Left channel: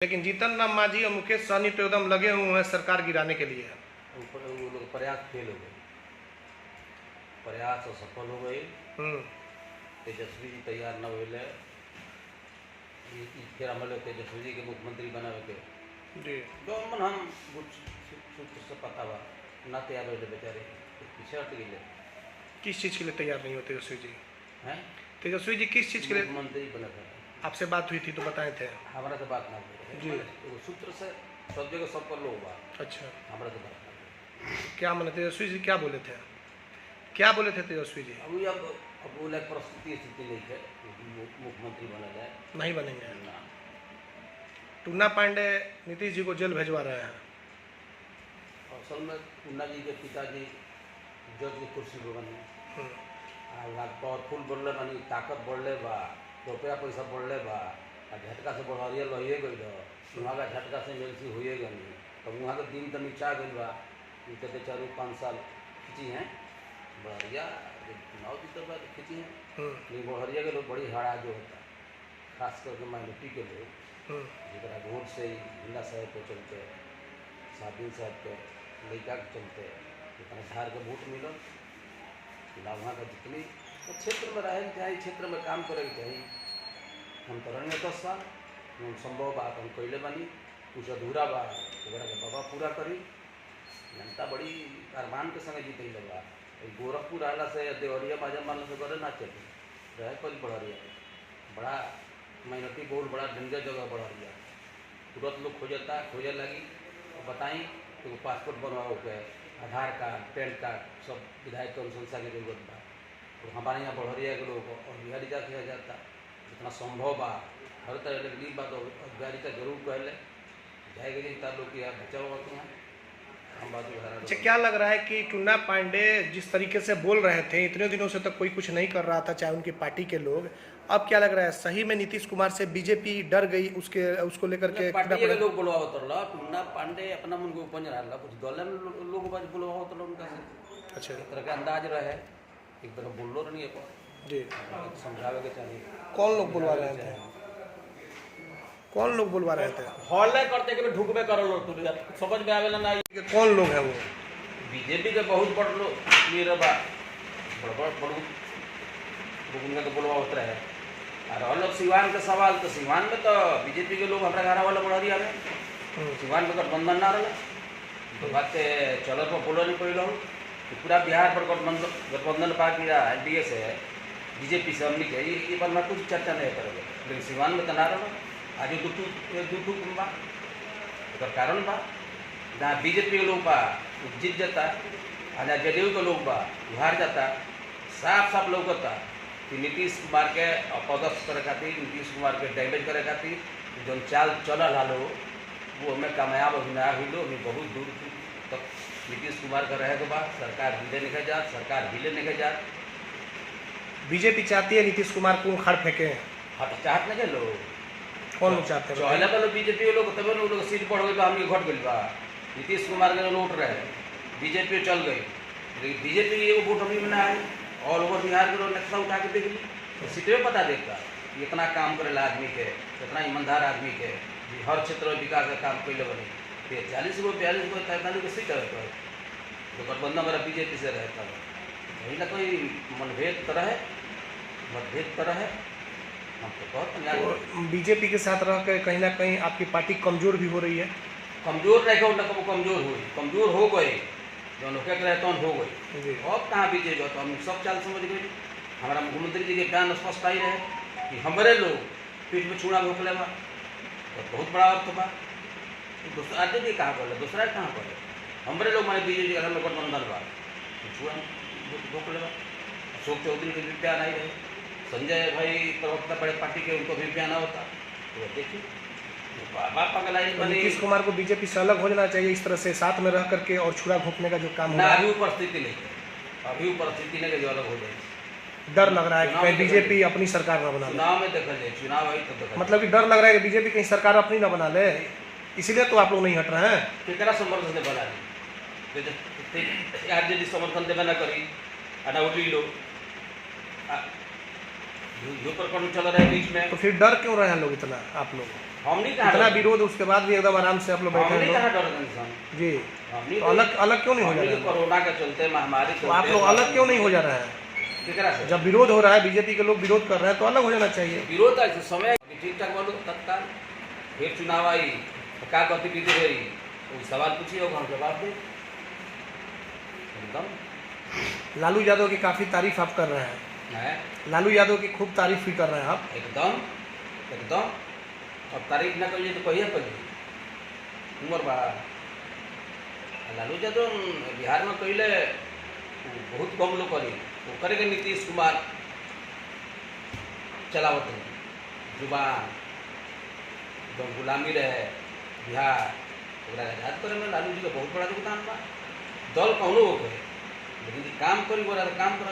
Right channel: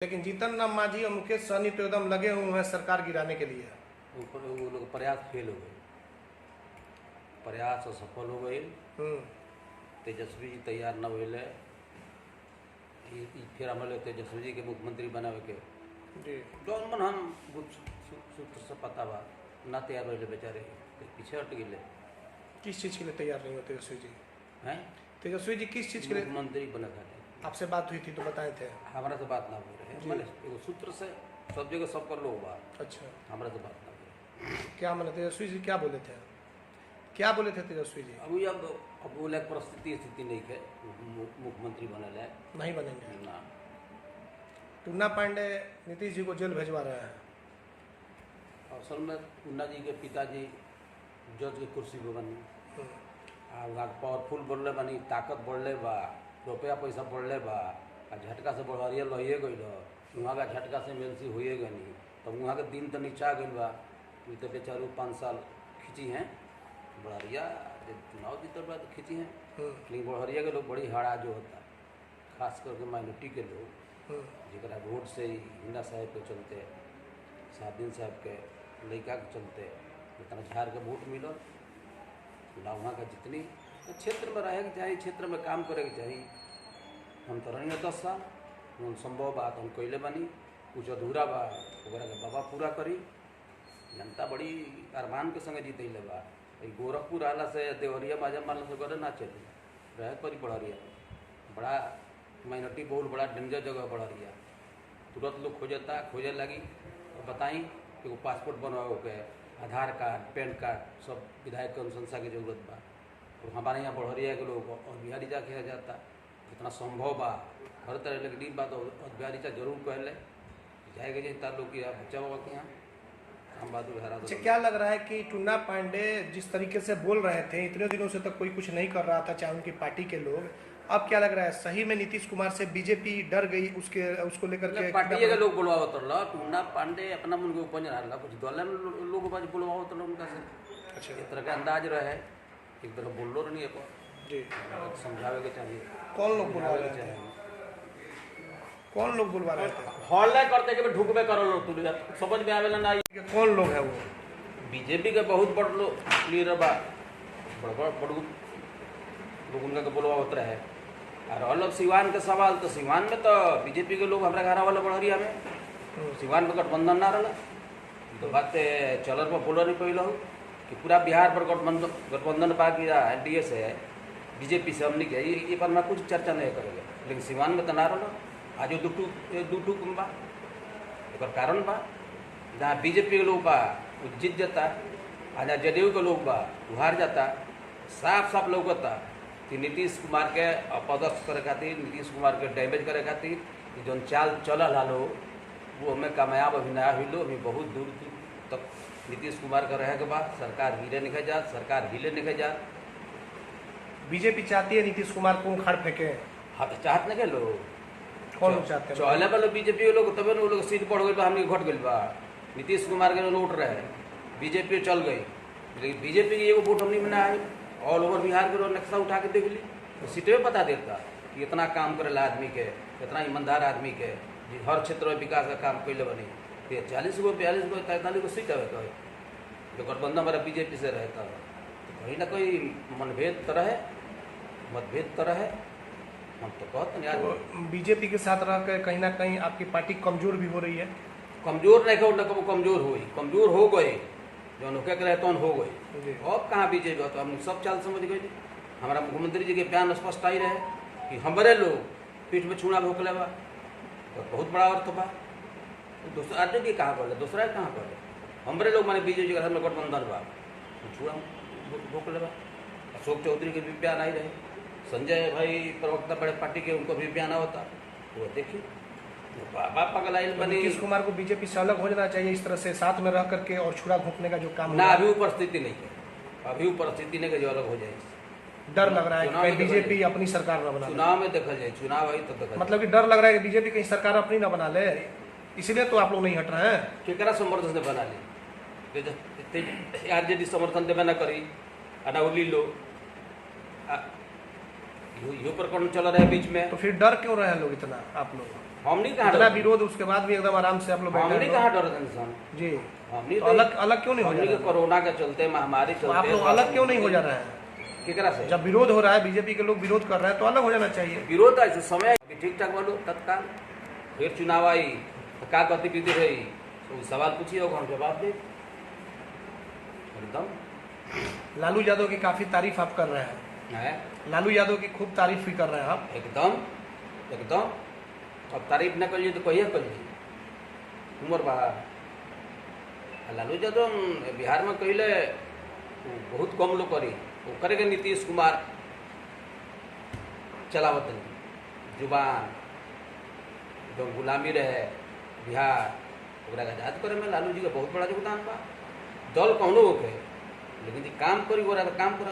लेकिन जीतन राम मांझी और मुकेश सहनी तो एकदम लगे हुए हैं सरकार गिराने के लिए। ऊपर वो लोग प्रयास फेल हो गए, प्रयास असफल हो गए। तेजस्वी जी तैयार न हुए, फिर हमारे तेजस्वी जी के मुख्यमंत्री बनावे के जी जौन मन हम सूत्र से पता बा ना तैयार हुए बेचारे पीछे हट गए। किस चीज़ के लिए तैयार नहीं होते तेजस्वी जी? हैं तेजस्वी जी किस चीज़ के लिए? मुख्यमंत्री बना था। आपसे बात हुई थी तो बताए थे। हमारा से बात ना जी। हो सूत्र से सब जगह सब कर लो बा, अच्छा, हमारा से बात ना हो। क्या माने तेजस्वी जी क्या बोले थे? क्या बोले थे तेजस्वी जी? अब वो लायक परिस्थिति स्थिति नहीं है मुख्यमंत्री बना जाए, नहीं बनेंगे ना। टूना पांडे नीतीश जी को जेल भेजवा रहे हैं। असल में टूना जी के पिताजी जज की कुर्सी पर बने पावरफुल बढ़ले बानी, ताकत बढ़ले बा, रुपया पैसा बढ़ले बा, झटका से बढ़िया लहिए गई वहाँ का झटका से एमएलसी हुए गई। तब वहाँ के दिन तो नीचा गई बा, तो बेचारू 5 साल खींची हैं बढ़िया, चुनाव जीतल बा खींची हैं। लेकिन बढ़िया के लोग बड़ी हड़ा जो होता, खास करके माइनॉरिटी के लोग जरा वोट से ही हिंदा साहब के चलते, साबिन साहब के लड़का के चलते जितना धार के वोट मिलल ना वहाँ का जितनी तो क्षेत्र में रहे के चाहिए, क्षेत्र में काम करे के चाहिए। हम तो रही 10 साल हम संभव बात हम कैले बानी, कुछ अधूरा बा ओकरा के बाबा पूरा करी। जनता बड़ी अरमान के संगे जीते बा। गोरखपुर आला से देवरिया बाजा मारला से करे ना चली रहे करी बढ़िया बड़ा माइनॉरिटी बहुत बड़ा डेंजर जगह बढ़िया, तुरंत लोग खोजे लगी और बताई कि वो पासपोर्ट बनवाओ के आधार कार्ड पैन कार्ड सब विधायक के अनुशंसा की जरूरत बा। और हमारे यहाँ बढ़िया के लोग और बिहारी जा किया जाता जितना संभव बा हर तरह के गरीब बात और बिहारी का जरूर कहले जाएगा कि तार लोग यहाँ बच्चा बाबा के यहाँ हम बात उधारा। अच्छा, क्या लग रहा है कि टूना पांडे जिस तरीके से बोल रहे थे इतने दिनों से तक कोई कुछ नहीं कर रहा था चाहे उनकी पार्टी के लोग, अब क्या लग रहा है सही में नीतीश कुमार से बीजेपी डर गई उसको लेकर के? पार्टी के लोग बुलवाओ तो टूना पांडे अपना मन को उपज रहा कुछ दल लोग बुलवाओ तो उनका से। अच्छा, इस तरह का अंदाज रहे एक बार बोलो नहीं है जी समझावे के चाहिए। कौन लोग बुलवा रहे थे? कौन लोग बुलवा रहे थे? हल्ला करते के ढुकबे करल तू समझ में आवेला ना कौन लोग है वो? बीजेपी के बहुत बड़ लोग लीडर बा, बड़ लोग उनका तो बुलवावत रहे। और अलग सिवान का सवाल तो सिवान में तो बीजेपी के लोग हमारा घर वाला बढ़िया में सिवान में गठबंधन ना रहा तो बात चल पर बोलो नहीं पहले कि पूरा बिहार पर गठबंधन पार्टी रहा एनडीए से बीजेपी से हमने के ये पर ना कुछ चर्चा नहीं करेंगे। लेकिन सिवान में तो ना रहा आज दू बा कारण बा जहाँ बीजेपी के लोग बा जीत जाता और जहाँ जदयू के लोग बा हार जाता। साफ साफ लौकता कि नीतीश कुमार के अपदस्थ करे खातिर, नीतीश कुमार के डैमेज करे खातिर जो चाल चलल हालो वो हमें कामयाब अभी नया हुई हमें बहुत दूर तक नीतीश कुमार का रहे के बाद सरकार हिले नहीं जा, सरकार हिले नहीं जा। बीजेपी चाहती है नीतीश कुमार को खड़ फेंके? हाँ तो चाहत नहीं लोग, कौन लोग चाहते हैं? चौले वाले बीजेपी के लोग तब लोग सीट बढ़ गई तो हमने घट गई बा। नीतीश कुमार के नोट रहे बीजेपी चल गई, लेकिन बीजेपी की एगो वोट हमने में ना आए। ऑल ओवर बिहार के लोग नक्शा उठा के देख ली तो सीट में पता देखता कि इतना काम करेला आदमी के, इतना ईमानदार आदमी के हर क्षेत्र में विकास का काम कैले बने 40 गो 42 गो 43 गो सीट रहे तो गठबंधन हमारा बीजेपी से रहता है। कहीं ना कोई मतभेद तो रहे हम तो कहते हैं बीजेपी के साथ रह कर कहीं ना कहीं आपकी पार्टी कमजोर भी हो रही है। कमजोर नहीं हो वो कमजोर हुई, कमजोर हो गए जो होके रहे तो हो गई। अब कहाँ बीजेपी जो तो हम सब चाल समझ गए। हमारा मुख्यमंत्री जी के बयान स्पष्ट आई रहे कि हमारे लोग पीठ में छूना भोकले बा तो बहुत बड़ा अर्थ बा। दूसरा आदमी कहाँ बोले, दूसरा कहाँ बोले हमारे लोग माने बीजेपी के घर में गठबंधन बा छूना भोकले बा। अशोक चौधरी के भी बयान आई रहे, संजय भाई प्रवक्ता बड़े पार्टी के उनको भी बयान होता तो देखिए नीतीश कुमार को बीजेपी से अलग हो जाना चाहिए इस तरह से साथ में रह करके और छुरा घोंपने का जो काम ना अभी परिस्थिति नहीं है, अभी परिस्थिति नहीं जो अलग हो जाए। डर लग रहा है कि बीजेपी अपनी सरकार न बना, चुनाव में देखा जाए चुनाव आई तो मतलब कि डर लग रहा है कि बीजेपी कहीं सरकार अपनी न बना ले, इसीलिए तो आप लोग नहीं हट रहे हैं। केकरा समर्थन से बना ली आरजेडी समर्थन देवे ना करी अनाउली लो यो प्रकरण चल रहा है बीच में, तो फिर डर क्यों रहे हैं लोग इतना आप लोग? हमनी कहाँ इतना डर विरोध उसके बाद भी एकदम आराम से आप लोग बैठे हमनी हैं। कहाँ डर सन जी, हमनी तो अलग अलग क्यों नहीं हो हमनी जा के रहा है? कोरोना के चलते महामारी तो आप चलते लोग अलग क्यों नहीं हो जा रहा है? केकरा से जब विरोध हो रहा है, बीजेपी के लोग विरोध कर रहे हैं, तो अलग हो जाना चाहिए। विरोध ऐसे समय अभी ठीक ठाक बोलो तत्काल फिर चुनाव आई तो क्या गतिविधि रही तो सवाल पूछिए होगा हम जवाब दें एकदम लालू यादव की काफी तारीफ आप कर रहे हैं, है लालू यादव की खूब तारीफ भी कर रहे हैं आप। एकदम एकदम अब तारीफ न करिए तो कहिए करिए उम्र बा लालू यादव बिहार में कहले बहुत कम लोग करी वो करेंगे नीतीश कुमार चलावत रहे जुबान एकदम गुलामी रहे बिहार ओकरा आजाद करे में लालू जी का बहुत बड़ा योगदान बा दल कौनो हो गए लेकिन ये काम करी बोला तो काम कर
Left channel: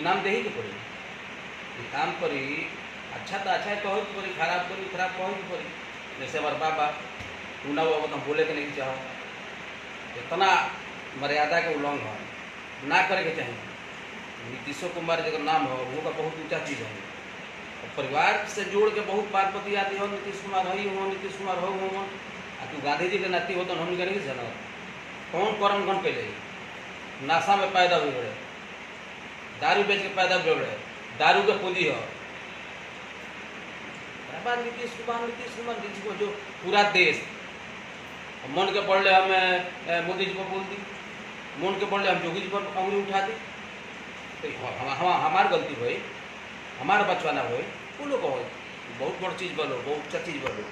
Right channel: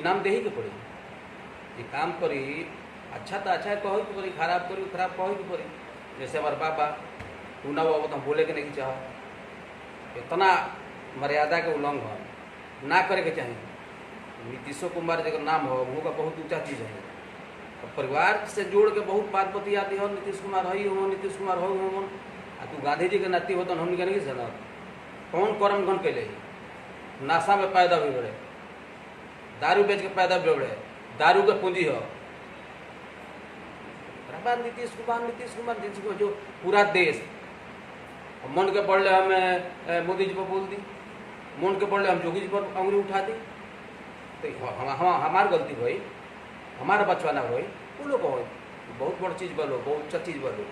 इनाम दे ही के पड़ी ये काम करी अच्छा तो अच्छा कहो कि पड़ी खराब करी खराब कहो कि पड़ी जैसे हमारे बाबा तू ना वो तो हम बोले के नहीं चाह इतना मर्यादा के उल्लंघन ना करे के चाहिए। नीतीशो कुमार जगह नाम हो वो का बहुत ऊंचा चीज़ है और परिवार से जोड़ के बहुत बात बती आती हो नीतीश कुमार हो नीतीश कुमार हो आ तू गांधी जी के नाती हो तो हम नहीं जाना कौन कर्म गण कैले नशा में पैदा हुए बड़े दारू बेच के पैदा हुए बड़े दारू के पूंजी हो नीतीश कुमार जो पूरा देश मन के पढ़ ले हमें मोदी जी पर बोल दी मन के पढ़ ले हम जोगी जी पर उंगली उठा दी तो हमार गलती भाई हमारा बचवाना भाई वो लोग हो बहुत बड़ चीज़ बोलो बहुत अच्छा चीज़ बोलो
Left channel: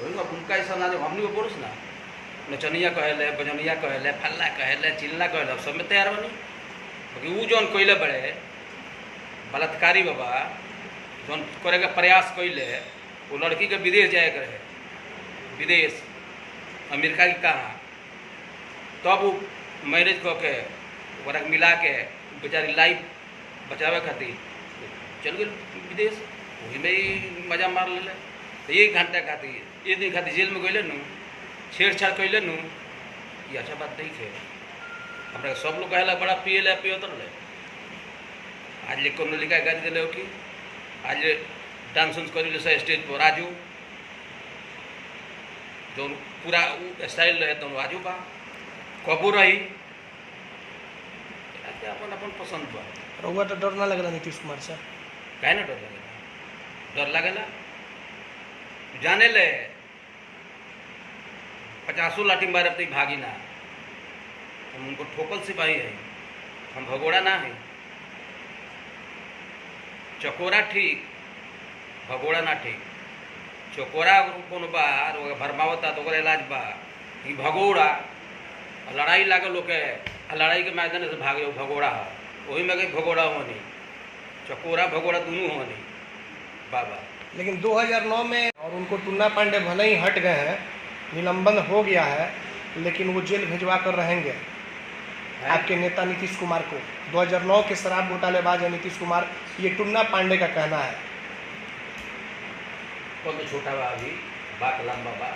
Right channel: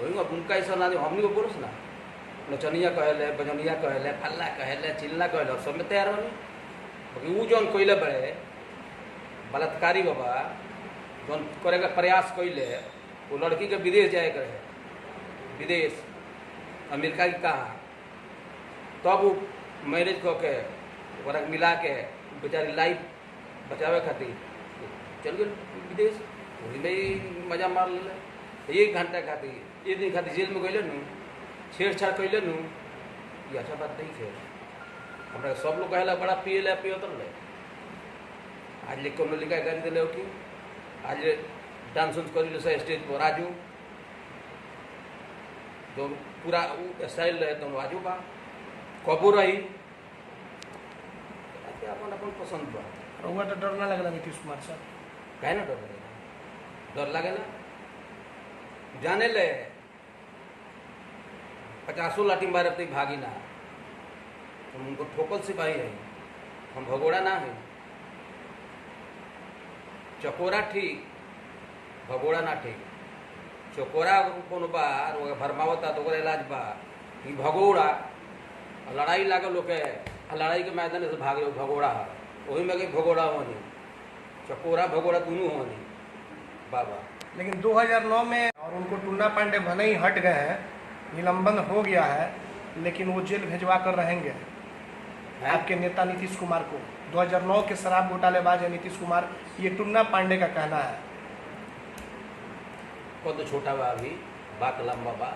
वही उनका ऐसा ना हमनी को बोलो ना नचनिया कहले बजनिया कहले फल्ला कहले चिल्ला कहले सब में तैयार बनी क्योंकि वो जौन कैले बड़े बलात्कारी बाबा जौन करे के प्रयास कैले वो लड़की के विदेश जाए के रहे विदेश अमेरिका की कहाँ तब वो मैरिज कऽ के ओकरा मिला के बेचारी लाइफ बचावे खातिर चल गए विदेश वही में ही मजा मार ले तो एक घंटा खातिर एक दिन खातिर जेल में गए नू छेड़छाड़ कैले नू ये अच्छा बात नहीं है हमारा सब लोग कहला बड़ा पिए उतर ले आज ले कोनो लिखा गाड़ी दिले हो कि आज डांस उन्स करी जैसे स्टेज पर राजू जो पूरा स्टाइल रहे तो राजू बा कबू रही अपन अपन पसंद बा रउआ तो डर ना लगेला नीतीश कुमार से? काहे ना डर लगेला जाने ले 50 लाठी मारे तो भागी ना हम उनको ठोकल सिपाही है हम भगोड़ा ना है चकोरा ठीक भगोड़ा ना ठीक चकोरा कौन बा भरमावता तो इलाज बा ये भगोड़ा लड़ाई लागे लोग के लड़ाई के मैदान से भागे भगोड़ा है वही में गई भगोड़ा होनी चकोरा भगोड़ा दोनों होनी बाबा। लेकिन 2009 में और उनको टुन्ना पांडे भले ही हट गए हैं, निलंबन हो गया है, लेकिन वो जेल भिजवा कर रहेंगे आपके नेता नीतीश कुमार को। 2009 के शराब घोटालेबाज है नीतीश कुमार, ये टुन्ना पांडे का कहना है। कौन तो छोटा बा अभी बात लंबा बा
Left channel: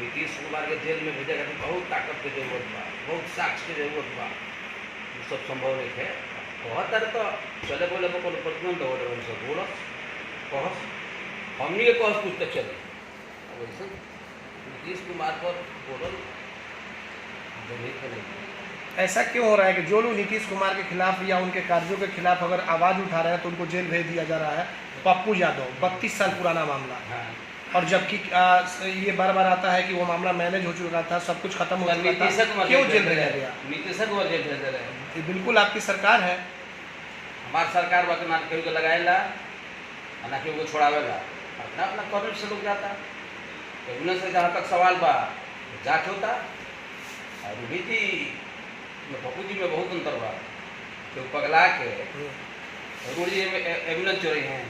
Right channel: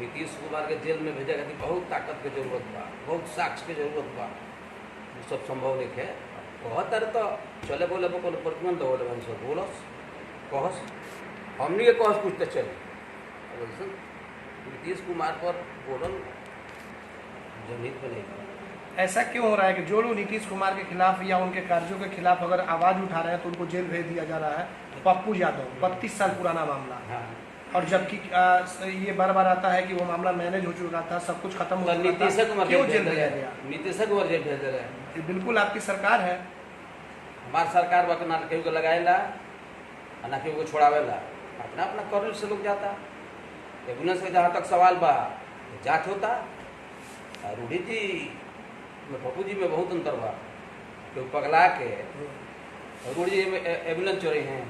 नीतीश कुमार के जेल में भेजे खातिर बहुत ताकत के जरूरत बा बहुत साक्ष्य के जरूरत बा वो सब संभव नहीं है कहत अरे तो चले बोले को प्रतिबंध हो रहे सब बोलस कहस हमनी के कहस पूछते चले वैसे नीतीश कुमार पर बोलल जनहित में नहीं। ऐसा क्यों हो रहा है कि जो लोग नीतीश कुमार के खिलाफ या उनके कार्यों के खिलाफ अगर आवाज़ उठा रहे हैं तो उनको जेल भेज दिया जा रहा है? पप्पू यादव 32 साल पुराना मामला, हाँ और जबकि ये बार बार आता है कि वो मामला मैनेज हो चुका था, सब कुछ खत्म हो चुका था, क्यों जेल भेजा गया? नीतीश कुमार जेल भेज रहे हैं। ये बिल्कुल आपकी सरकार है। हमार सरकार बा ना केहू के लगाएला ना केहू को छोड़ावेला अपना अपना कर्म से लोग जाता एविडेंस से जहाँ तक सवाल बा जांच होता और रूढ़ी जी में पप्पू जी में बहुत अंतर बा केहू पगला के रूढ़ी जी एम्बुलेंस चोरी हैं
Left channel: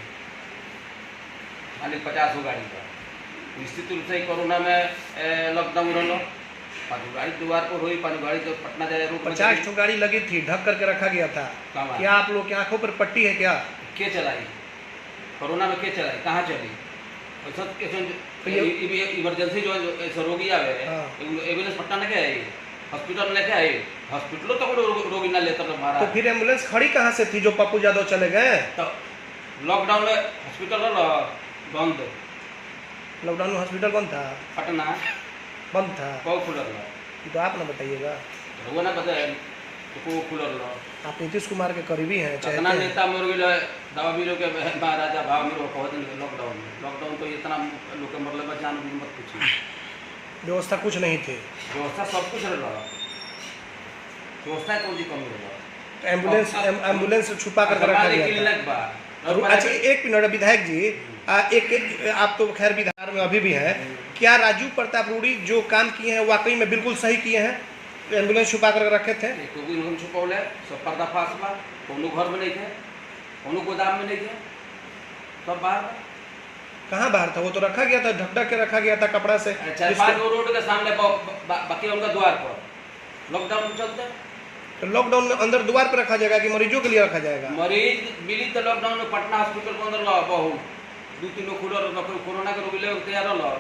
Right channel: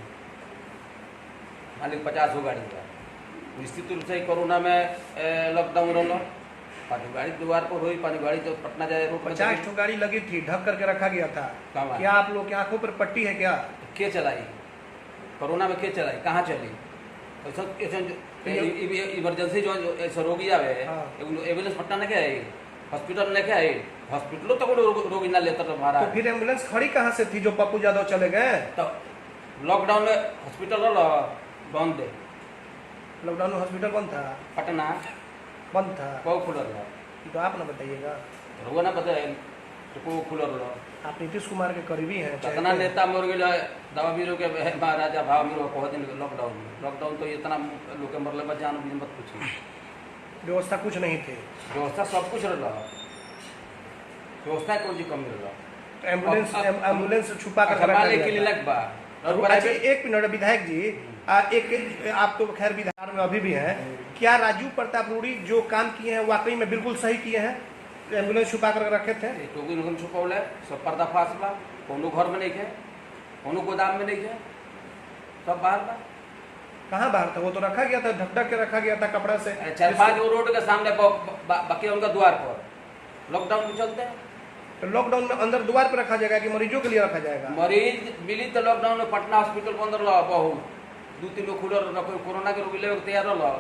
मालिक 50 गो गाड़ी का निश्चित रूप से कोरोना में लॉकडाउन रहा पानी गाड़ी द्वार पर हुई पानी गाड़ी तो पटना जाए रोड 50 ठो गाड़ी लगी थी, ढक करके रखा गया था। क्या आप लोग की आंखों पर पट्टी है क्या? के चलाई कोरोना में के चलाई कहाँ चली ऐसा इमरजेंसी जो ऐसा रोगी आवे एम्बुलेंस पटना लेके आई हॉस्पिटल लेके आई हॉस्पिटलों तक रोगी ना लेता हमारा तो फिर एम्बुलेंस खड़ी कहाँ से थी जो पप्पू यादव चले गए? तो लॉकडाउन में हॉस्पिटल बंद लॉकडाउन में हॉस्पिटल कौन था? पटना बंद था? कौ खुलल रहा ये तो आप ना बताइएगा। रहुआ ना पता है तो को खुलल रहा आप नीतीश कुमार के करीबी हैं, कितना चाहते हैं। नेता मर गए दवा बीरो के महाराजा भाव मेरो कह दिन लॉकडाउन में लॉकडाउन तो इतना लोग के मरले जान भी मत पूछी व्यवस्था कुछ नहीं थी। व्यवस्था सब कुछ रहा व्यवस्था कोई चीज कमी रहा एम्बुलेंस छुपा कर रखा गया था। क्लिनिक बा अच्छा एक मिनट विधायक जी, आप तो खैर विधान में अभी भी हैं, क्या राजू प्रताप रूडी जो काम किए हैं वाकई में बिल्कुल सही किए हैं? एम्बुलेंस छुपा कर रखे थे? इनको छुपौले सब पर्दाफाश बा कोनो घर में नहीं थे कोनो गोदाम में नहीं थे सब बाहर बा कहाँ बाहर था? वो तो रखा गया था, ढक ढक के रखा गया था कपड़ा से। 4-5 रोड के सामने बाकी उनका द्वार पर लॉकडाउन चलते तो लॉकडाउन में अंदर द्वार पर रखा जाएगा कि मरीजों के लिए रखा जाएगा? मरीज मिली तो लॉकडाउन में पटना हॉस्पिटल के अंदर रहा बहुत 2-3 लोग खुल रहा कोरोना के रोगी ले तैयार रहा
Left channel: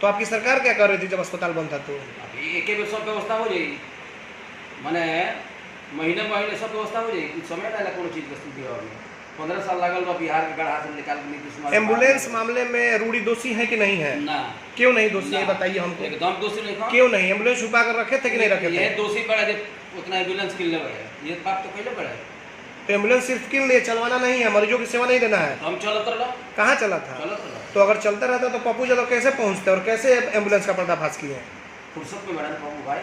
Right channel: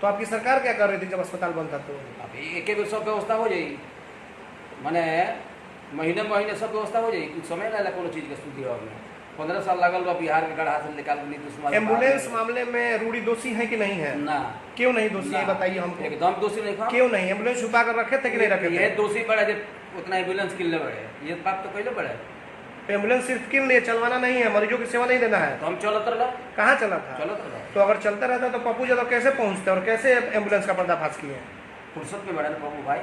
तो आपकी सरकार क्या कर रही थी जब अस्पताल बंद था? तो अभी एक बेर सब व्यवस्था हो जाई माने महीने महीने सब व्यवस्था हो जाई कुछ समय ना कोनो चीज के स्थिति और में 15 साल लागल बा बिहार के गढ़ा से निकाल के नीतीश कुमार एम्बुलेंस मामले में रूडी दोषी है कि नहीं है? ना क्यों नहीं दोषी है ना। बताइए हमको। एकदम दोषी नहीं था क्यों नहीं? एम्बुलेंस छुपा कर रखे थे कि नहीं रखे ये थे? दोषी बड़े जो उतना एम्बुलेंस किनले बड़े ये बात तो पहले बड़े तो एम्बुलेंस सिर्फ किन लिए चलवाना नहीं है, मरीजों की सेवा नहीं देना है। तो हम चलत रहा कहाँ चला था? चलत रहा तो अगर चलता रहता तो पप्पू यादव कैसे पहुंचते और कैसे एम्बुलेंस का पर्दाफाश किए? फुर्सत में बड़ा बाबू भाई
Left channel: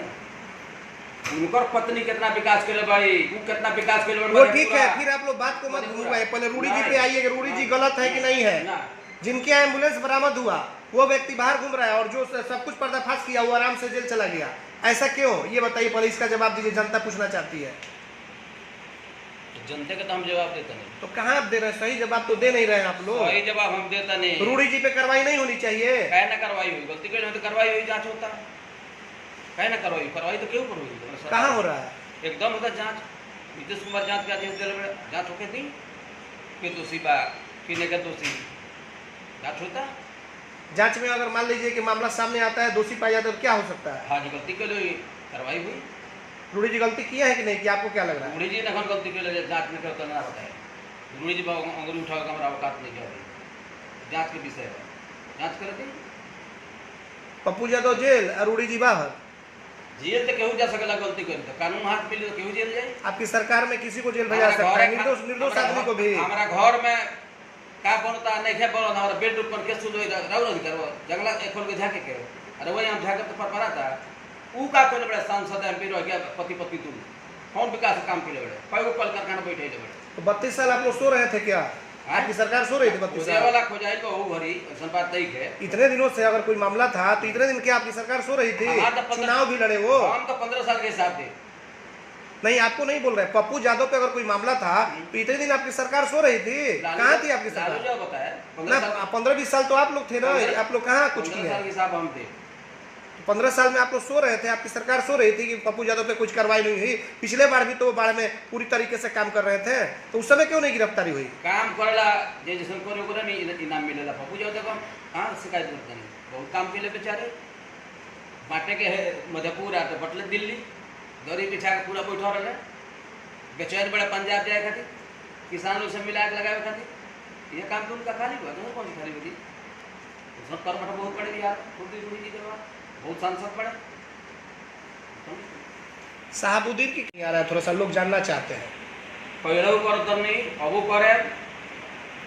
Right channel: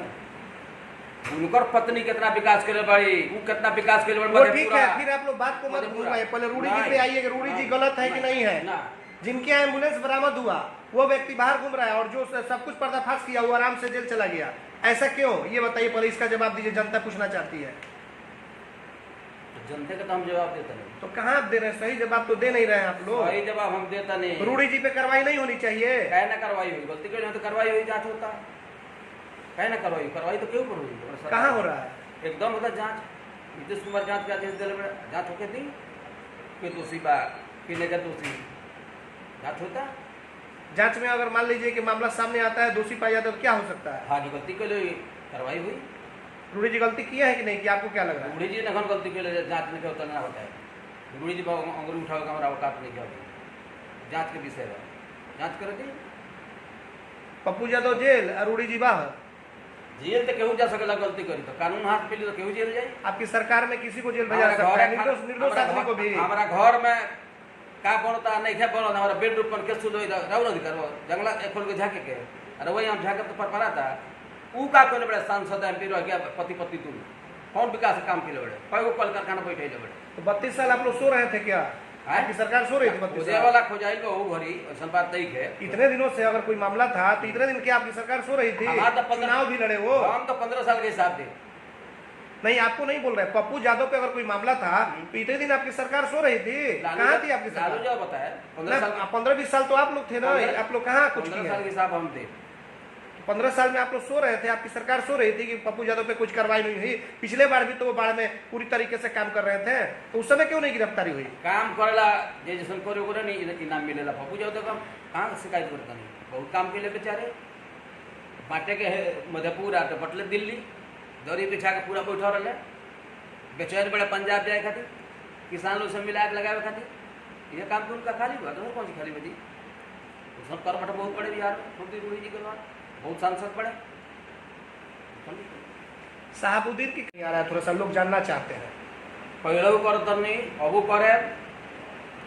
उनकर पत्नी कितना विकास करे भाई वो कितना विकास करे वो ठीक है, फिर आप लोग बात को मत घुमाइए, पहले रूडी जी पे आइए कि रूडी जी गलत है कि नहीं है। ना जिनके यहाँ एम्बुलेंस बरामद हुआ वो व्यक्ति बाहर घूम रहा है और जो सब कुछ पर्दाफाश किया वो आराम से जेल चला गया, ऐसा क्यों? ये बताइए, पहले इसका जवाब दीजिए, जनता पूछना चाहती है। जनते का तो हम जवाब देता नहीं तो कहाँ आप दे रहे हैं? सही जवाब तो दे नहीं रहे हैं आप लोग। सही जवाब हम देता नहीं रूडी जी पे कार्रवाई नहीं होनी चाहिए? कहे ना कार्रवाई हुई गलती कही तो कार्रवाई हुई जांच होता है कहे ना कार्रवाई कार्रवाई तो क्यों पर हुई कहाँ हो रहा है? एकदम होता जांच नीतीश कुमार जांच के आदेश दिले जांच होके दी कि दोषी बा कि नहीं दोषी जांच होता जांच में अगर मान लीजिए कि मामला सामने आता है, दोषी पाया जाता है तो क्या हो सकता है? हाँ जी गलती के लिए कार्रवाई हुई रूडी जी गलती किए है कि नहीं, कि आपको क्या लग रहा है? रूढ़ी जी ने এখন गलती के लिए जांच में क्या होता ना बताए रूढ़ी जी अंगुली उठाओ का हमारा औकात नहीं क्या जांच के विषय है जांच कर दी पप्पू यादव जेल और रूडी जी बाहर। जेल तो केहू जा सकेला गलती करी तो कानून हाथ मिली तो केहू जेल जाए आपकी सरकार में किसी को जेल भेजा हमारा सकता घर है, निर्दोष आदमी को भी। हमारा घर में का बनता नहीं क्या बनता हमारा बेडरूम पर केस सुलो राउर अधिकार जंगला खोल के झाके के अरे वही हम झाके तो पर पड़ा था ऊ का कोई बड़े सांसद एमपी रह गया पति पत्नी तुम कौन विकास काम के बड़े कई कल कारखाना बैठे बड़े तो 32 साल आप लोग सो रहे थे क्या? आपकी सरकार सो रही थी 32 खोजे साल? वाला खोजाइल को भरी ऐसा बात नहीं है इतने दिनों से अगर कोई मामला था तो इतने दिन क्या आपकी सरकार सो रही थी? हमारा तो 15 चुनाव भी लड़े वो। हम तो 15 साल के हिसाब दे नहीं, आपको नहीं बोल रहे, पप्पू यादव पे अगर कोई मामला था तो इतने दिन आपकी सरकार सो रही थी? कहाँ थी आपकी लालू सरकार? जो बताया 15 साल 15-20 साल तो आप लोग थे ना, आप लोग कहाँ कुछ 15 किए? साल के हिसाब हम थे 15 साल में आप लोग सो रहे थे, आपकी सरकार सो रही थी कि पप्पू यादव पे कुछ कार्रवाई नहीं हुई। पिछले बार भी तो वो बाढ़ में पूरी तरीके से काम कर रहे थे, तो उस समय क्यों नहीं गिरफ्तारी हुई? काम करला जे जैसन करे ओकरा नहीं इनाम मिलेला पप्पू जाओ देखो कहाँ शिकायत करता नहीं बहुत काम के लिए बेचारे बांटे के मधेपुरा तो बटले दिल्ली दरी बिछा के पूरा बैठा रहे बेचैन बड़े पंजाब जाए खातिर किसान लोग से मिला के लगावे खातिर ये काम तो उनका खाली हुआ तो कौन सी खाली बची सब कर बटा बहुत बड़े बिहार में छोटी बूढ़ी जी करवा बहुत सांसद बड़े साहबुद्दीन की आ रहा है, थोड़ा सा लोग जानना चाहते हैं। पहले कर दम नहीं अबू करे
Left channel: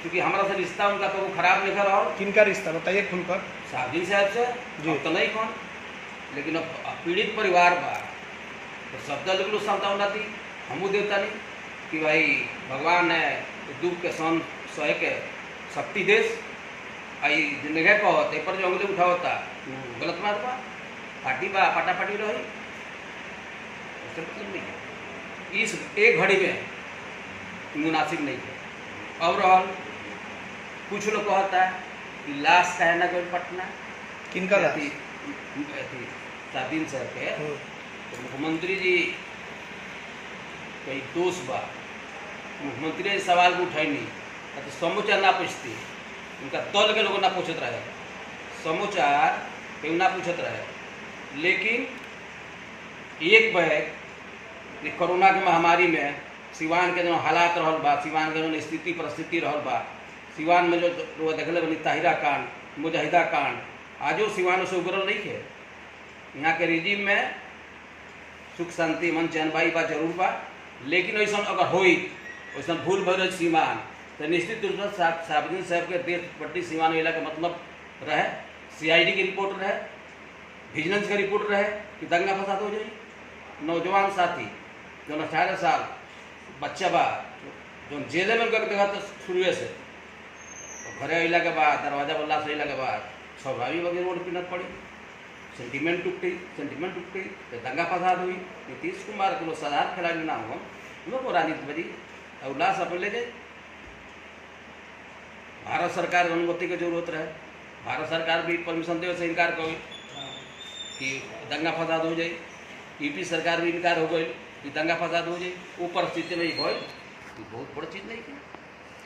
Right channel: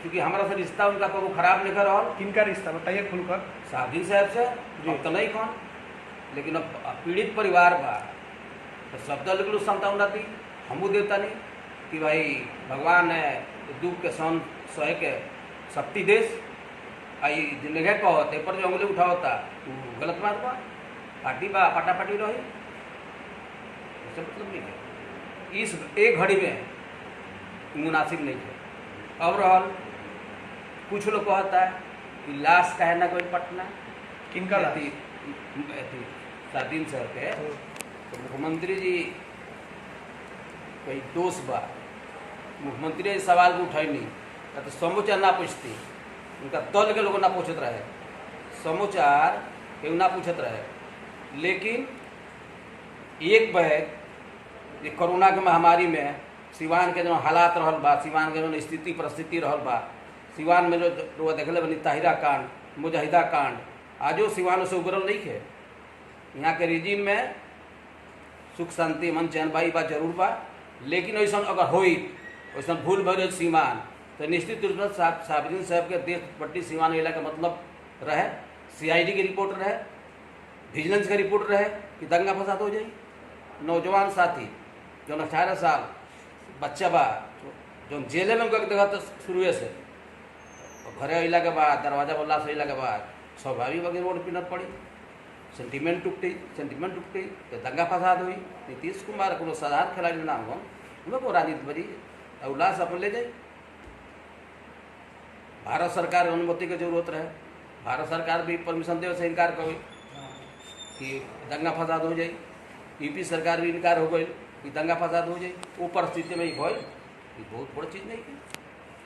क्योंकि हमारा से रिश्ता उनका तो वो खराब नहीं कर रहा किनका रिश्ता बताइए खुलकर। साहबजी साहब से जी। अब तो नहीं कौन लेकिन अब पीड़ित परिवार बा तो शब्द लिखलू संतावना थी हमू देवता नहीं कि भाई भगवान है दुख के सहन सहे के शक्ति देश आई जिंदगी कहो ते पर जो उंगली उठावता गलत बात बा पार्टी बा पाटापाटी रही उससे मतलब नहीं है इस एक घड़ी में मुनासिब नहीं है। अब रहल कुछ लोग कहता है कि लाश का है ना कोई पटना किनका लाश? सादीन साहब के तो मुख्यमंत्री जी कई दोष बा मुख्यमंत्री जी सवाल को उठाई नहीं तो समूचा ना पूछती उनका दल के लोग ना पूछत रहे समाचार केहू ना पूछत रहे लेकिन एक बैग ये कोरोना के महामारी में सिवान के जो हालात रहल बा सिवान के जो स्थिति परिस्थिति रहल बा सिवान में जो देखले बनी ताहिरा कांड मुजाहिदा कांड आजो सिवान से उबरल नहीं है। यहाँ के रिजीम में सुख शांति मन चैन बाई बा जरूर बा, लेकिन ऐसा अगर होई वैसा भूल भरल सीमान तो निश्चित रूप से साहबुद्दीन साहब के देश पट्टी सीमान इला का मतलब रहे CID की रिपोर्ट रहे, विजिलेंस का रिपोर्ट रहे कि दंगा फसाद हो जाए। नौजवान साथी जो 18 साल बच्चा बा जो जेल में देखा तो शुरू से घरे अला के बाद दरवाजा बल्ला से अला के बाद स्वाभाविक वगैरह रोड पिनत पड़ी, सेंटिमेंट टूटी तो दंगा फसाद हुई। नीतीश कुमार को साधारण खिलाड़ी ना हुआ को राजनीति बजी उल्लास अपन ले जाए। भारत सरकार अनुमति की जरूरत रहे, भारत सरकार भी परमिशन दे से इनकार कर कि दंगा फसाद हो जाए। यूपी सरकार भी इनकार हो गई कि दंगा फसाद हो जाए। वो परिस्थिति में हो बहुत बड़ी चीज़ नहीं थी।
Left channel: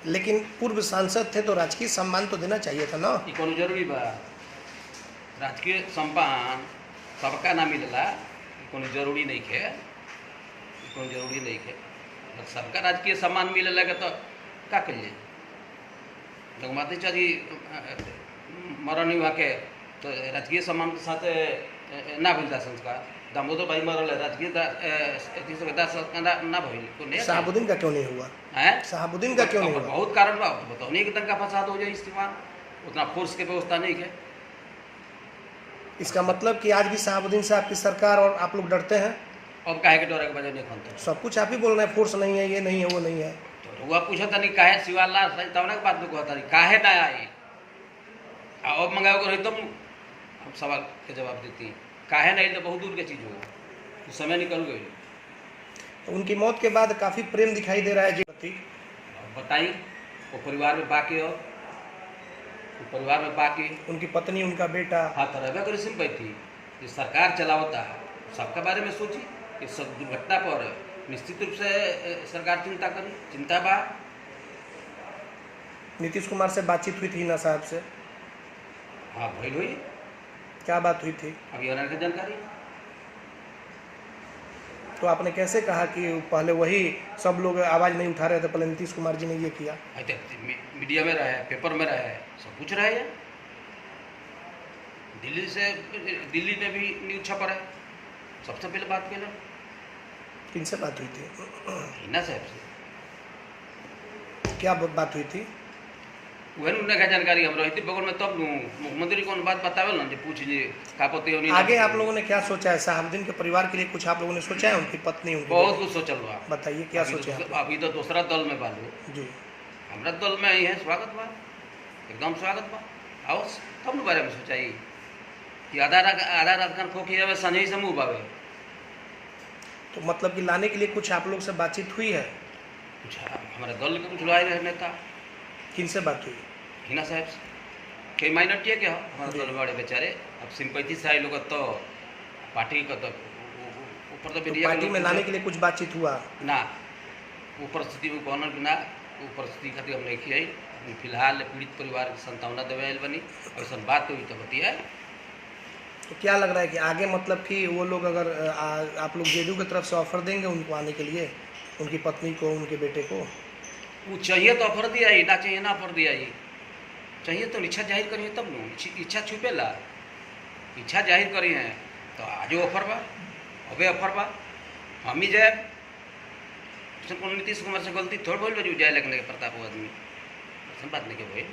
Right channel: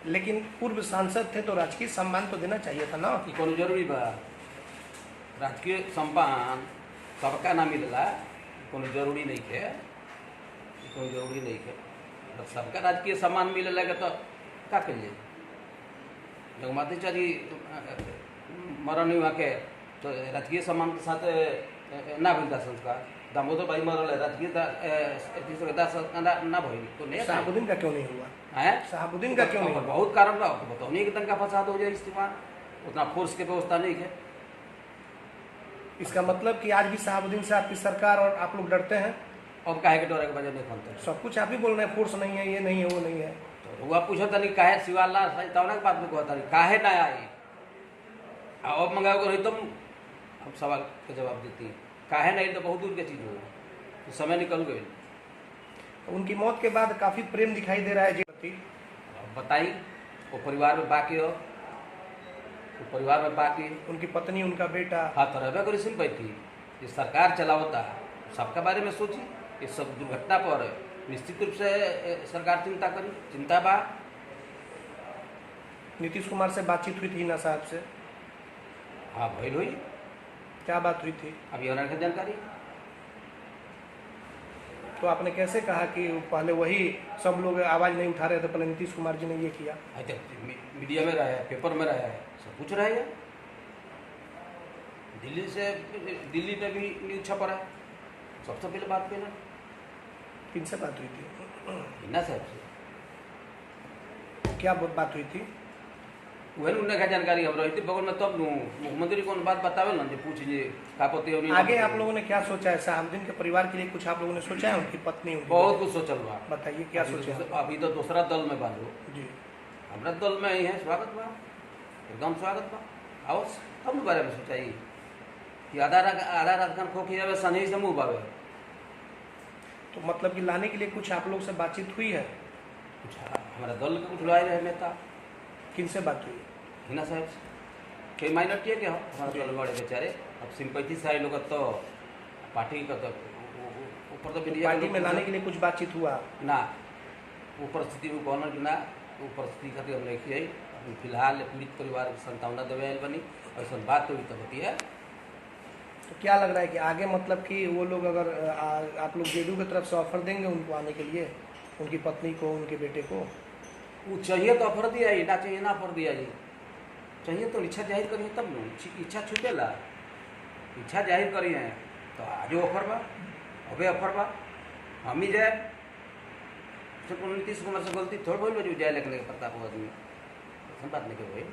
लेकिन पूर्व सांसद थे तो राजकीय सम्मान तो देना चाहिए था ना। ये कौन जरूरी बा? राजकीय सम्मान सबका ना मिलला कौन जरूरी नहीं है, कौन जरूरी नहीं है। सबका राजकीय सम्मान मिले लगे तो का करिए। जगमाती जी मरण हुआ के तो राजकीय सम्मान के साथ ना भइल संस्कार। दामोदर भाई मरल है राजकीय ना भइल तो नहीं। शहाबुद्दीन का क्यों नहीं हुआ है? शहाबुद्दीन का क्यों नहीं हुआ? बहुत कारण बा, बताओ नहीं कि दंगा फसाद हो जाए। इस्तेमाल उतना फोर्स के व्यवस्था नहीं है। इसका मतलब कि आज भी शहाबुद्दीन से आपकी सरकार और आप लोग डरते हैं। अब काहे के डरे के वजह नहीं खोलते? सब कुछ आप ही बोल रहे हैं, फोर्स नहीं है, ये नहीं है, वो नहीं है। तो वह पूछा था नहीं काहे शिवालाल तवना के बात में कहता नहीं काहे ना आई। अब मंगाओ को नहीं तुम हम सवाल के जवाब देती हैं काहे नहीं, तो बहुत दूर की चीज़ हो तो समय निकल गई। तो उनकी मौत के बाद काफ़ी प्रेम दिखाई दे रहा है जी। बताई वो परिवार में बाकी हो, वो परिवार में बाकी उनकी पत्नी, उनका बेटा। हाँ तो रहे करी सिंपल थी ये सरकार चलावता है, सबके बारे में सोची। इस सब दुर्घटना पर निश्चित रूप से सरकार चिंता करी, चिंता बा। नीतीश कुमार से बातचीत हुई थी हिना साहब से? हाँ भइल हुई। क्या बात हुई थी? अभी होना की जानकारी। तो आपने कैसे कहा कि पहले वही सब लोग आवाज़ नहीं उठा रहे थे, पहले नीतीश कुमार जी ने ये किया? मीडिया में रहे, पेपर में रहे, सब कुछ रहे है। दिल्ली में भी न्यूज छप रहा है। सबसे पहले बात के ना किनसे बात हुई थी? हिना साहब से। क्या बात हुई थी? वही उन्हें क्या जानकारी हम रही थी बगल में, तब मुख्यमंत्री कौन बात बतावे ना जो पूछ लीजिए का पति होनी। आगे आप लोगों ने क्या सोचा है? शहाबुद्दीन के परिवार के लिए कुछ आप लोगों ने सोचा है? उनकी पत्नी, उनकी बहुत कुछ सोचल बा। बताइए क्या सोचा है? अभी तो दूसरा दल में बालू जी, हमारा दल में ही है। स्वागत बा, एकदम स्वागत बा। आओ तब न बारे में सोचाई कि आधा रात खान खोखी जावे सनही से मुँह बावे। तो मतलब कि लाने के लिए कुछ आप लोग से बातचीत हुई है? कुछ हमारे दल के कुछ लाए रहे नेता। किनसे बात हुई? हिना साहब से। कई माइनॉरिटी है क्या हमारे दल बड़े बेचारे। अब सिंपैथी से आए लोग तो पार्टी का तो ऊपर तो पार्टी में लाने के लिए कुछ बातचीत हुआ ना। वो परिस्थिति में कहना कि ना वो परिस्थिति खातिर हम नहीं आई। फिलहाल पीड़ित परिवार की संतावना देवे आयल बनी, ऐसा बात हुई तो बतिया। तो क्या लग रहा है कि आगे मतलब कि वो लोग अगर आप लोग जेडीयू की तरफ से ऑफर देंगे उनको आने के लिए, उनकी पत्नी को, उनके बेटे को? वो चाहिए तो ऑफर दिया ही, ना चाहिए ना ऑफर दिया ही। चाहिए तो इच्छा जाहिर करिए तब न, इच्छा छुपेला। इच्छा जाहिर करी है तो आज ऑफर बा, अबे ऑफर बा, हम ही जाए। नीतीश कुमार से गलती थोड़ी बोल जो जाए लगने के प्रताप आदमी ऐसा बात नहीं के भाई।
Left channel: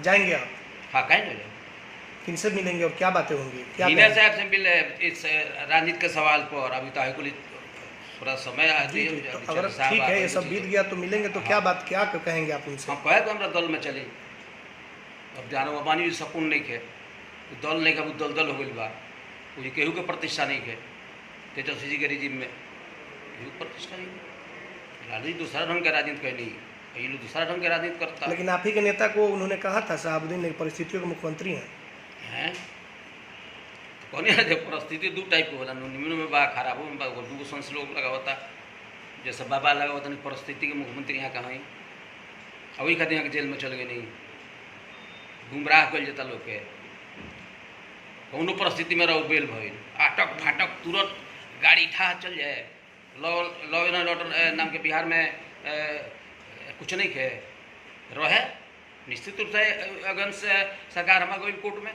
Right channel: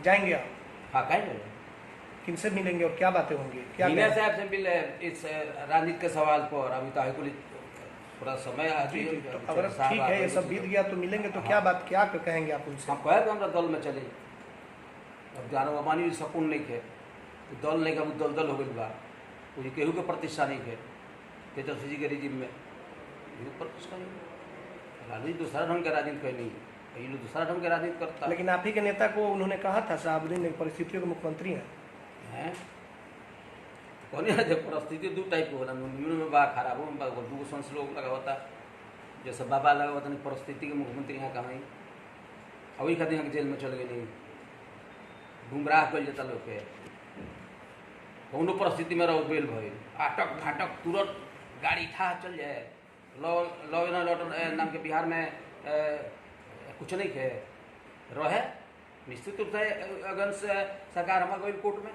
जाएंगे आप? हाँ कहीं नहीं जाए। किनसे मिलेंगे और क्या बातें होंगी? क्या हिना साहब से मिले इस राजनीति के सवाल पर। अभी तो हाईकोर्ट थोड़ा समय अगर ठीक है ये सब बीत गया तो मिलेंगे तो क्या बात, क्या कहेंगे आप उनसे? हम कहे तो हमारा दल में चले। अब जानो अबानी भी सकून नहीं है, दल नहीं है, वो दल हो गई बा। वो केहू के प्रतिष्ठा नहीं है। तेजस्वी जी के रिजीम में केहू प्रतिष्ठा नहीं। लालू दूसरा ढंग के राजनीति कहीं नहीं, ये लोग दूसरा ढंग के राजनीति करता। लेकिन आप ही के नेता को उन्होंने कहा था शहाबुद्दीन परिस्थितियों के मुख्यमंत्री हैं। कौन है जब परिस्थिति दो टाइप के होला, निम्न में बा, खराबों में बा। दूगो संस लोग लगावता जैसे बाबा लगावता नहीं। परिस्थिति के मुख्यमंत्री यहाँ कहाँ ही अभी खातिर यहाँ के जेल में चल गए नहीं, गुमराह कर जाता लोग के। कौनो परिस्थिति में रहो बेल भइल, आटक फाटक तुरंत गाड़ी ठा चल जाए। लॉ एंड ऑर्डर नाम के बिहार में कुछ नहीं है रहे, निश्चित रूप से अगन से सरकार हमारा गई कोर्ट में,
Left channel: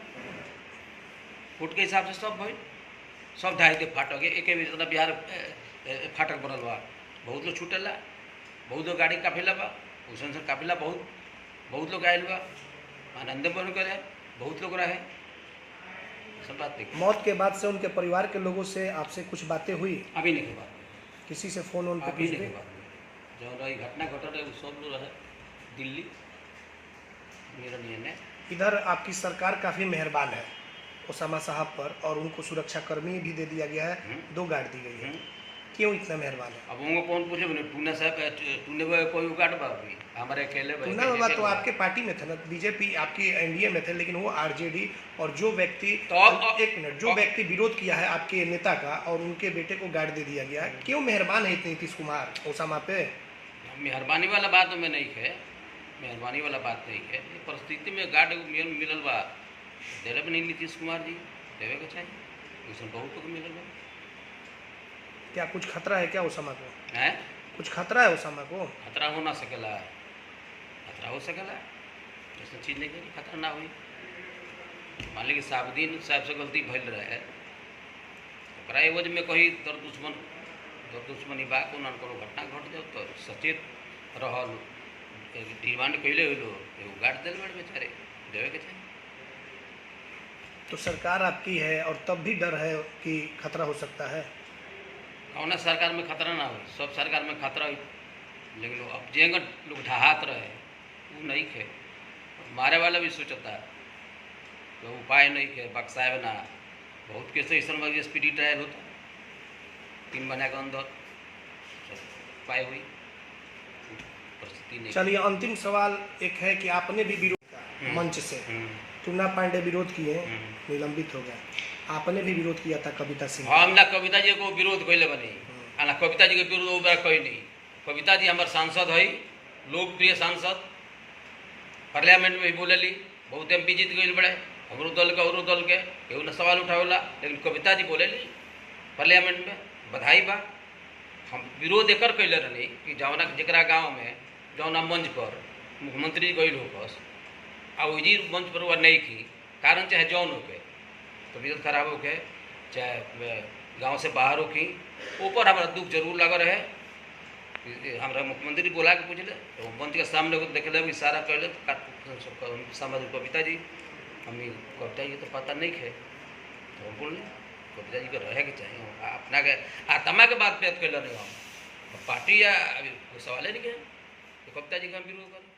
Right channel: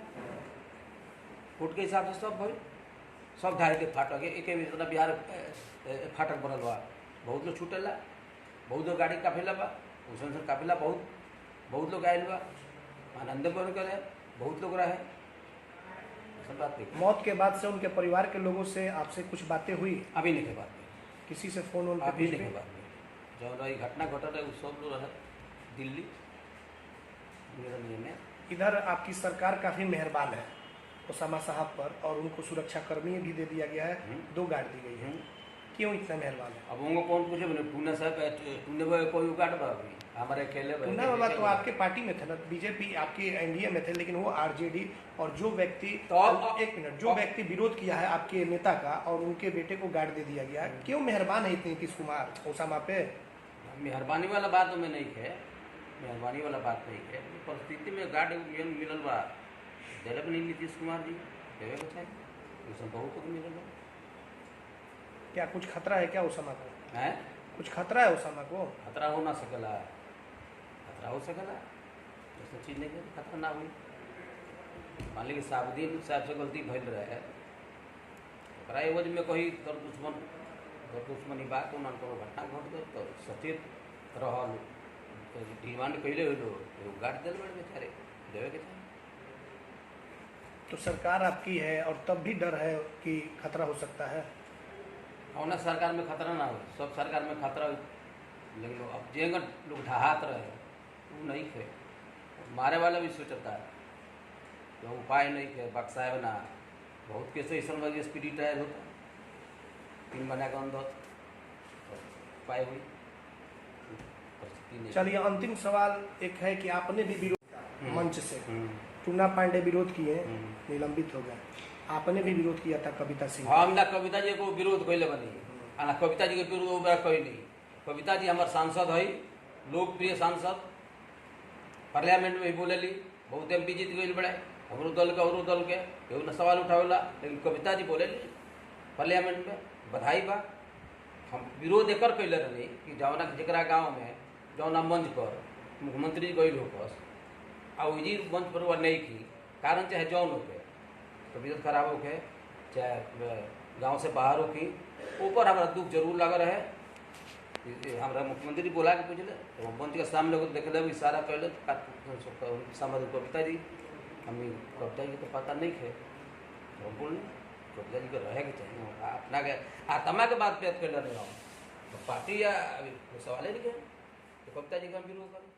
कोर्ट के हिसाब से सब भइल, सब ढाई के फाटक एक मतलब बिहार फाटक बनल बा, बहुत लोग छूटेला, बहुत लोग गाड़ी काफिला बा, उसन काफिला बहुत लोग आयल बा, आनंद बन करे, बहुत लोग रहे, सब बात देखिए। मौत के बाद से उनके परिवार के लोगों से आपसे कुछ बातें हुई? अभी नहीं के बात में, किसी से फोन उन अभी नहीं के बात में, जो रही घटना घटल रहे सब लोग रहे दिल्ली मेरा नहीं है। इधर आपकी सरकार काफ़ी मेहरबान है ओसामा साहब पर, और उनको सुरक्षा कर्मी भी दे दिया गया है, 2 गार्ड दी गई है, क्यों इतना मेहरबान है? अब उनको कौन पूछे बने टूने साहब टूने कोई गार्ड बा अभी हमारे अकेले टूना बाबा तो आपके पार्टी में थे ना, बीजेपी आपकी एनडीए में थे, लेकिन वो आरजेडी, और जो व्यक्ति एक मिनट, जो व्यक्ति विरोध किया है आपके नेता का और उनके बेटे को गार्ड दे दिया गया है, क्यों मेहरबान है इतने नीतीश कुमार ओसामा पे? मेहरबानी वाला बात में नहीं है, मेहरबानी वाला बात नहीं है, परिस्थिति में गार्ड मिलल बा दिले भी नहीं नीतीश कुमार जी, देवे को चाहिए, उसमें बहुत को मिलल बा। क्या कुछ खतरा है क्या ओसामा को? है कुछ खतरा है ओसामा को? खतरा हो ना सकेला, खतरा हो सकेला, ऐसा चीज़ नहीं करी खतरा ना हुई। मान ली कि साबुद्दीन साहब से गलती भइल रहे, ओकरा एवज में कहीं दर दुश्मनी बा को कोनो घटना घट जाओ तो सचेत रहल, डिमांड कैले हो एगो गार्ड दिल बड़े बेचारे, देवे के चाहिए। तो सरकार आपकी है और तब भी डर है कि खतरा हो सकता है? कौन सरकार में खतरा ना हो, सब सरकार में खतरा हो, लेकिन अब जेंग लोग ढहात रहे वो नहीं खे, मारे वाला भी सोचता है तो उपाय नहीं खे, बक्साए ना बहुत कैसे ऐसा स्पीडी ट्रायल होता 3 महीने के अंदर उपाय हुई, परिस्थिति नहीं। चलिए अंतिम सवाल एक है कि आपने भी विरोध किया मंच से, टूना पांडे विरोध किए, निलंबित हो गए, आपने भी विरोध किया था कविता सिंह। हम ना कविता जी को विरोध कैले बनी, ना कविता जी के विरोध वो कोई नहीं, कविता जी हमारे सांसद है, लोकप्रिय सांसद, पार्लियामेंट में भी बोले ली, बहुत MP जीत गई बड़े, हमारो दल के और दल के केहू ना सवाल उठावेला, लेकिन कविता जी बोले ली पार्लियामेंट में, बधाई बा। हम विरोध एकर कैले रही कि जौना जरा गाँव में जौना मंच पर मुख्यमंत्री गई होकस आ वही मंच पर वह नहीं की, कारण चाहे जौन होके तबीयत खराब होके चाहे गांव से बाहर होकी, ऊपर हमारा दुख जरूर लगा रहे। हमारा मुख्यमंत्री बोला के पूछले तो मंच के सामने को देख ले इशारा कैले समझ कविता जी, हमें कविता जी तो पता नहीं है तो हम बोल कविता जी को रहे के चाहिए, अपना के आत्मा के बात पे कैले नहीं हम पार्टी या सवाल नहीं है, तो कविता जी का विरोध करें।